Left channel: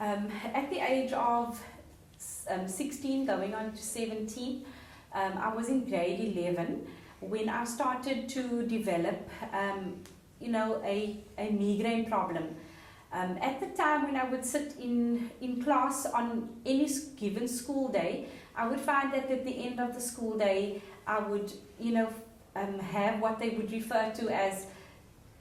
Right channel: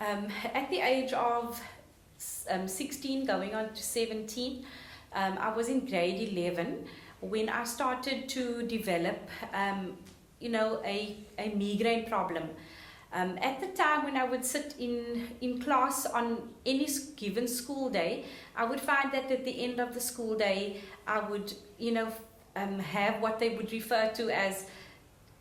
At the age of 16 going on to 17, I was in grade 11 when I started to develop a migraine problem. At the time when I would sit in class on any given school day, I would find that at the end of the school day I would have what they would refer to as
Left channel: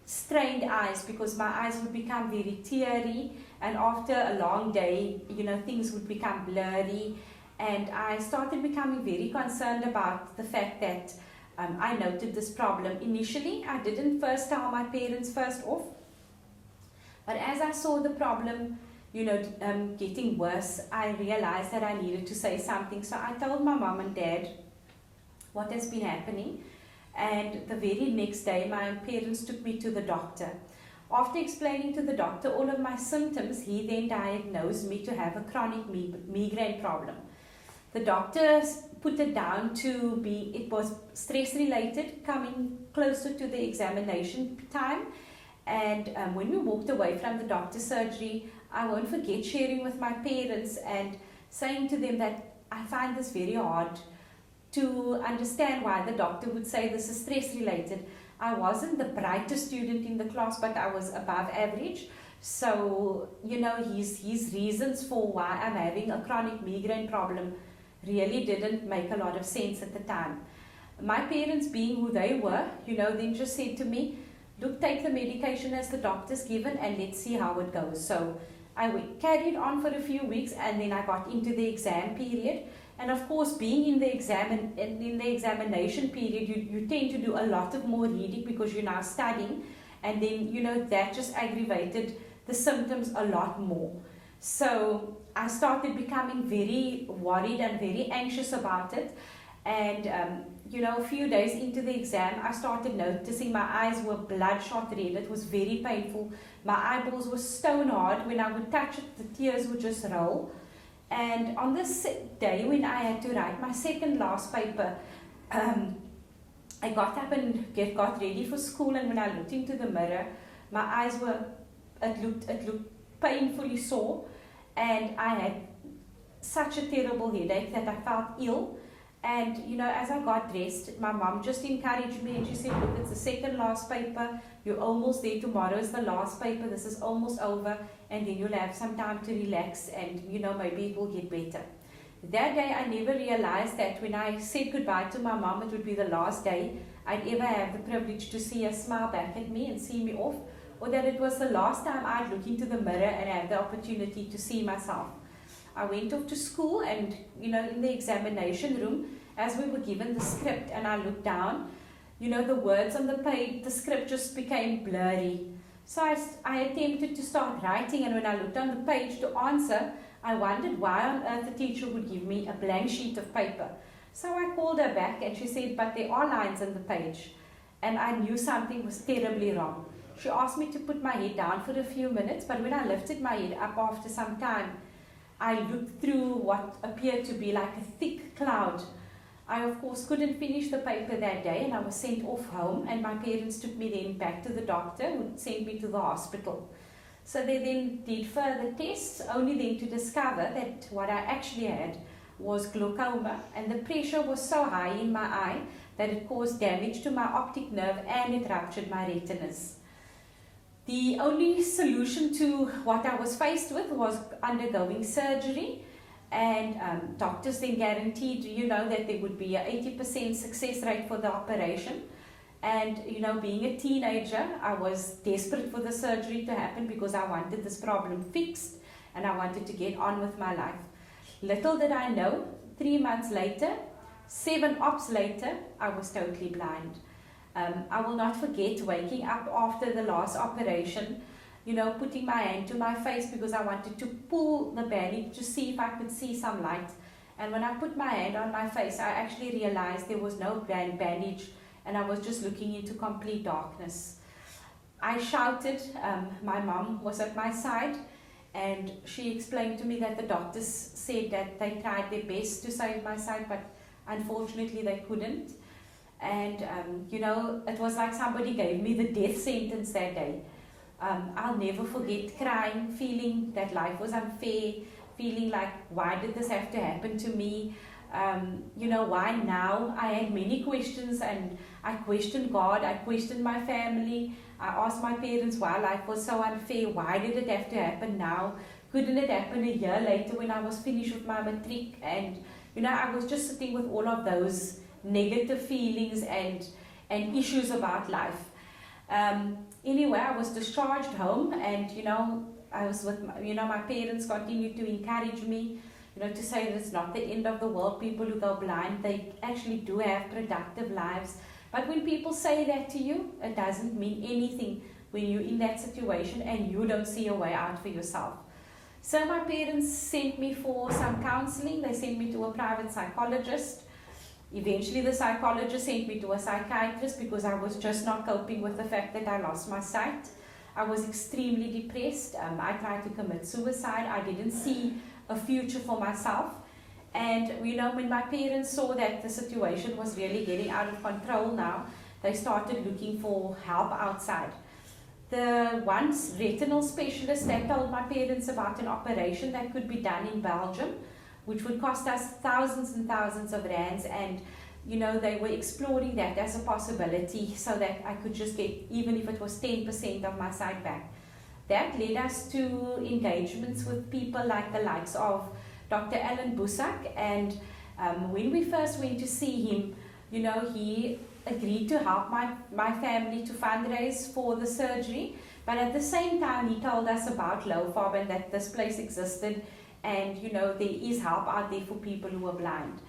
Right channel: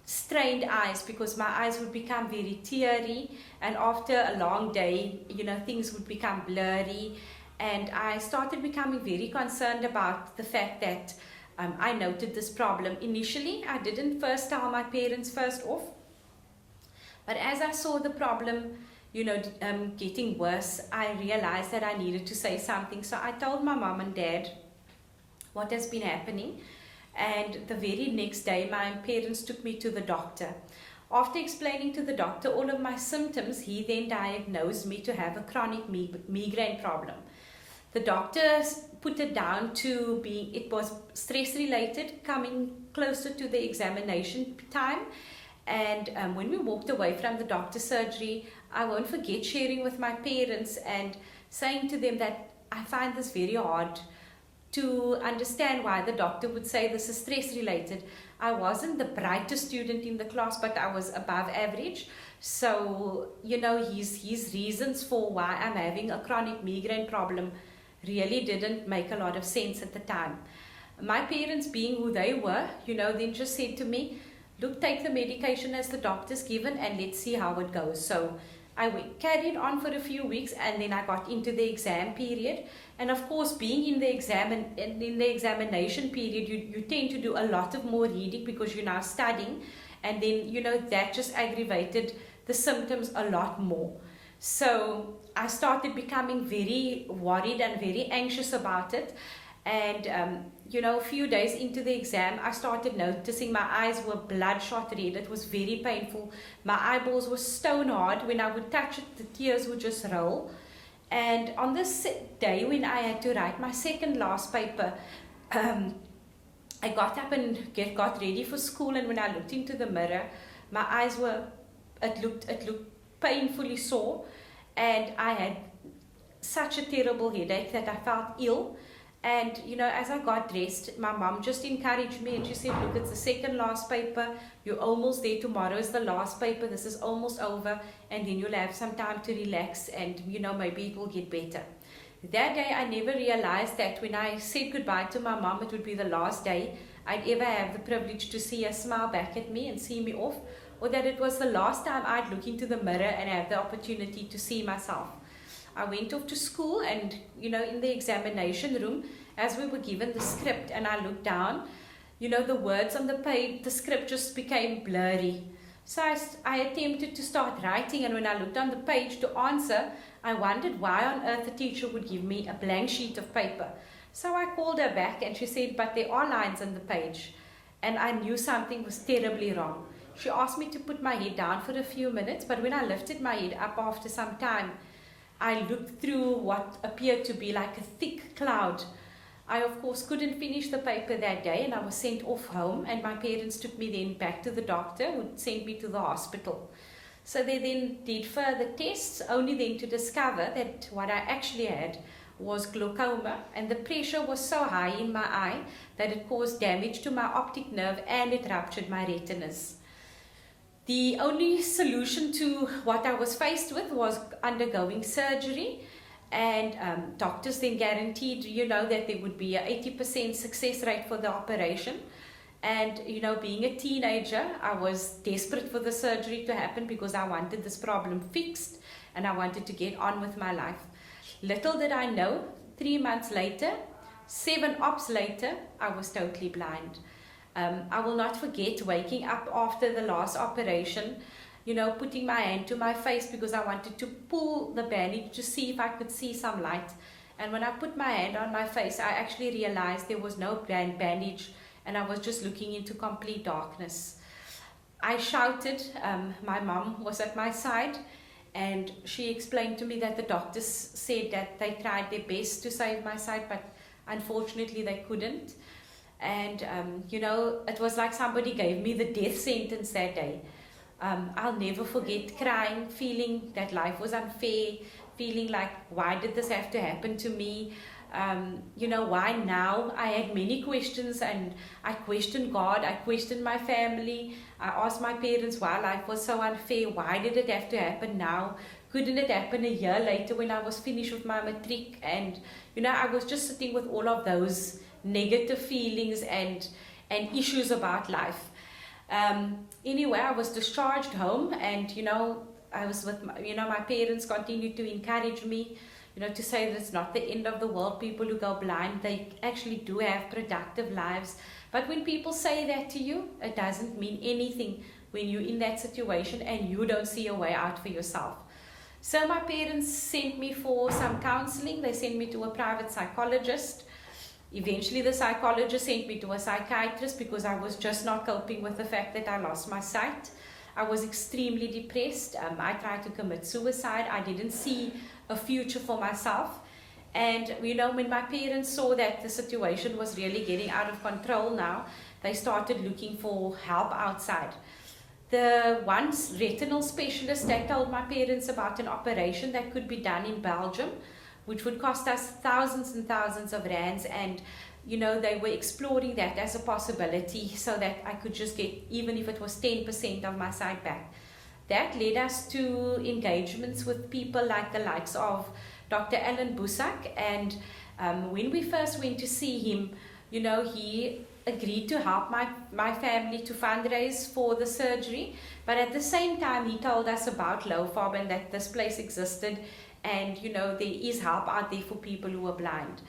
strained eyes, because my eyes would become very teary, and after a long day things would become blurry, and I started becoming very concerned about the fact that I noted this problem. Initially I didn't first tell my parents first off, but as I saw the problem getting worse, I realized that I needed to say something. So I told my mom and dad what has been happening. And the very next day, my parents took me to the doctor. After explaining to the doctor all of my symptoms, he then diagnosed me to have a chronic migraine problem. The doctor put it down to it was stress related, coming closer to the examination time. And when we walked away from the doctor's surgery, I won't forget sharing with my parents and saying to them that I find this very hard to understand why the doctor would say this is stress related. I wasn't the brightest student in the class, but I was above average. So, his reasons for why I'm having a chronic migraine problem really didn't make a lot of sense at the time. My parents, being who they were, then just said to me, look, take the medication as the doctor's given and let's see how it goes. So I carried on for a few weeks, and then I got into the exam period. And of course, being in the examination period, you tend to do a lot of more reading because you're now studying, and then that just aggravated the symptoms a lot more. So I started becoming very worried and very anxious about it. And a few days into the exam, I started noticing my eyes were bloodshot red. It was very painful. My eyeballs were stone hard. When I would touch it, the tears would just roll. And on this day when I had to write my second last paper, I got up and got ready for school, and when I looked into the mirror, my eyes it looked painfully sore, and I had such a terrible headache that I felt ill. And as I got dressed, my mom just encouraged me, and she said, look, it's the second last paper, you're almost there, tomorrow is the last paper, this is almost over, and then you'll have some time to relax, and maybe it will get better. That day I never realized that when I said goodbye to my mom, it would be the last day I'd ever have the privilege to see her smile back at me and see me off, or that it was the last time I'd look into the mirror and have the opportunity to see myself. I went off to school, and in the examination room, as we were given the script and I looked down, the words on the page, the script just became blurry. So I attempted to start writing, and when I looked on the page to answer, I wondered why on earth the teacher would give me a blank sheet of paper. So I called her back, and she said, but there are lines on the page. And I knew something was terribly wrong. She asked me to put my head down for a few minutes, but when I lifted my head up after some time, I looked through what appeared to be like a thick cloud. I, of course, couldn't finish the paper that day, and I was sent off home, and my parents took me then back to the doctor, who sent me to the hospital. So they then did further tests, only then to discover that what I actually had was glaucoma, and the pressure was so high in my eye that it caused damage to my optic nerve and it ruptured my retinas. The only solution to what I was faced with was undergoing surgery, and doctors then guaranteed, that there would be an 80% success rate for the operation. And, being a teenager, I was desperate for the surgery to happen because I wanted this problem fixed and I wanted to get on with my life. Little did I know, 3 months later, 7 ops later, I was totally blind. I will not forget waking up after the last operation, putting my hand to my face because I wanted to pull the bandage to see if I could see some light. And when I put my hand on my face, I actually realized there was no bandage, and I was just looking into complete darkness. I shouted. My mom was at my side, and she explained to me that the doctors said that they tried their best to save my sight, but unfortunately they couldn't. And it was like somebody gave me the death sentence that day. I'll never forget crying, feeling that life was unfair, feeling like, why did this have to happen to me? Why now? I had many questions, and I questioned God, I questioned my family. I asked my parents why life was so unfair. Why did it have to happen now? Couldn't it happen a year later when I was finished with my matric? And I was just sitting with all of those negative feelings and issues about life. Anyway, I was discharged home, and I was with my parents continued to encourage me, to say that it's not the end of the world. People who go blind, they actually do have productive lives. But when people say that to you, it doesn't mean anything when you're in that situation and you don't see a way out for yourself. So my parents sent me for some counseling. They sent me to a private psychologist. Eventually the psychologist sent me to a psychiatrist because I was just not coping with the fact that I lost my sight. I was extremely depressed. I tried to commit suicide. I didn't see a future for myself. And when my parents saw that the situation was really getting out of control now, they started looking for help outside. The once retinal specialist, they told my parents about an operation that could be done in Belgium, which would cost us thousands and thousands of rands, and they were exploring that as a possibility so that I could just get, even if it was 10% of my sight back. That led us to engagements with people like the likes of Dr. Alan Busak, and when we first went to see him, he agreed to help my family to fundraise for the surgery, but at the same time he told us about LOFOB and that this place existed, and there is help out there for people who are blind.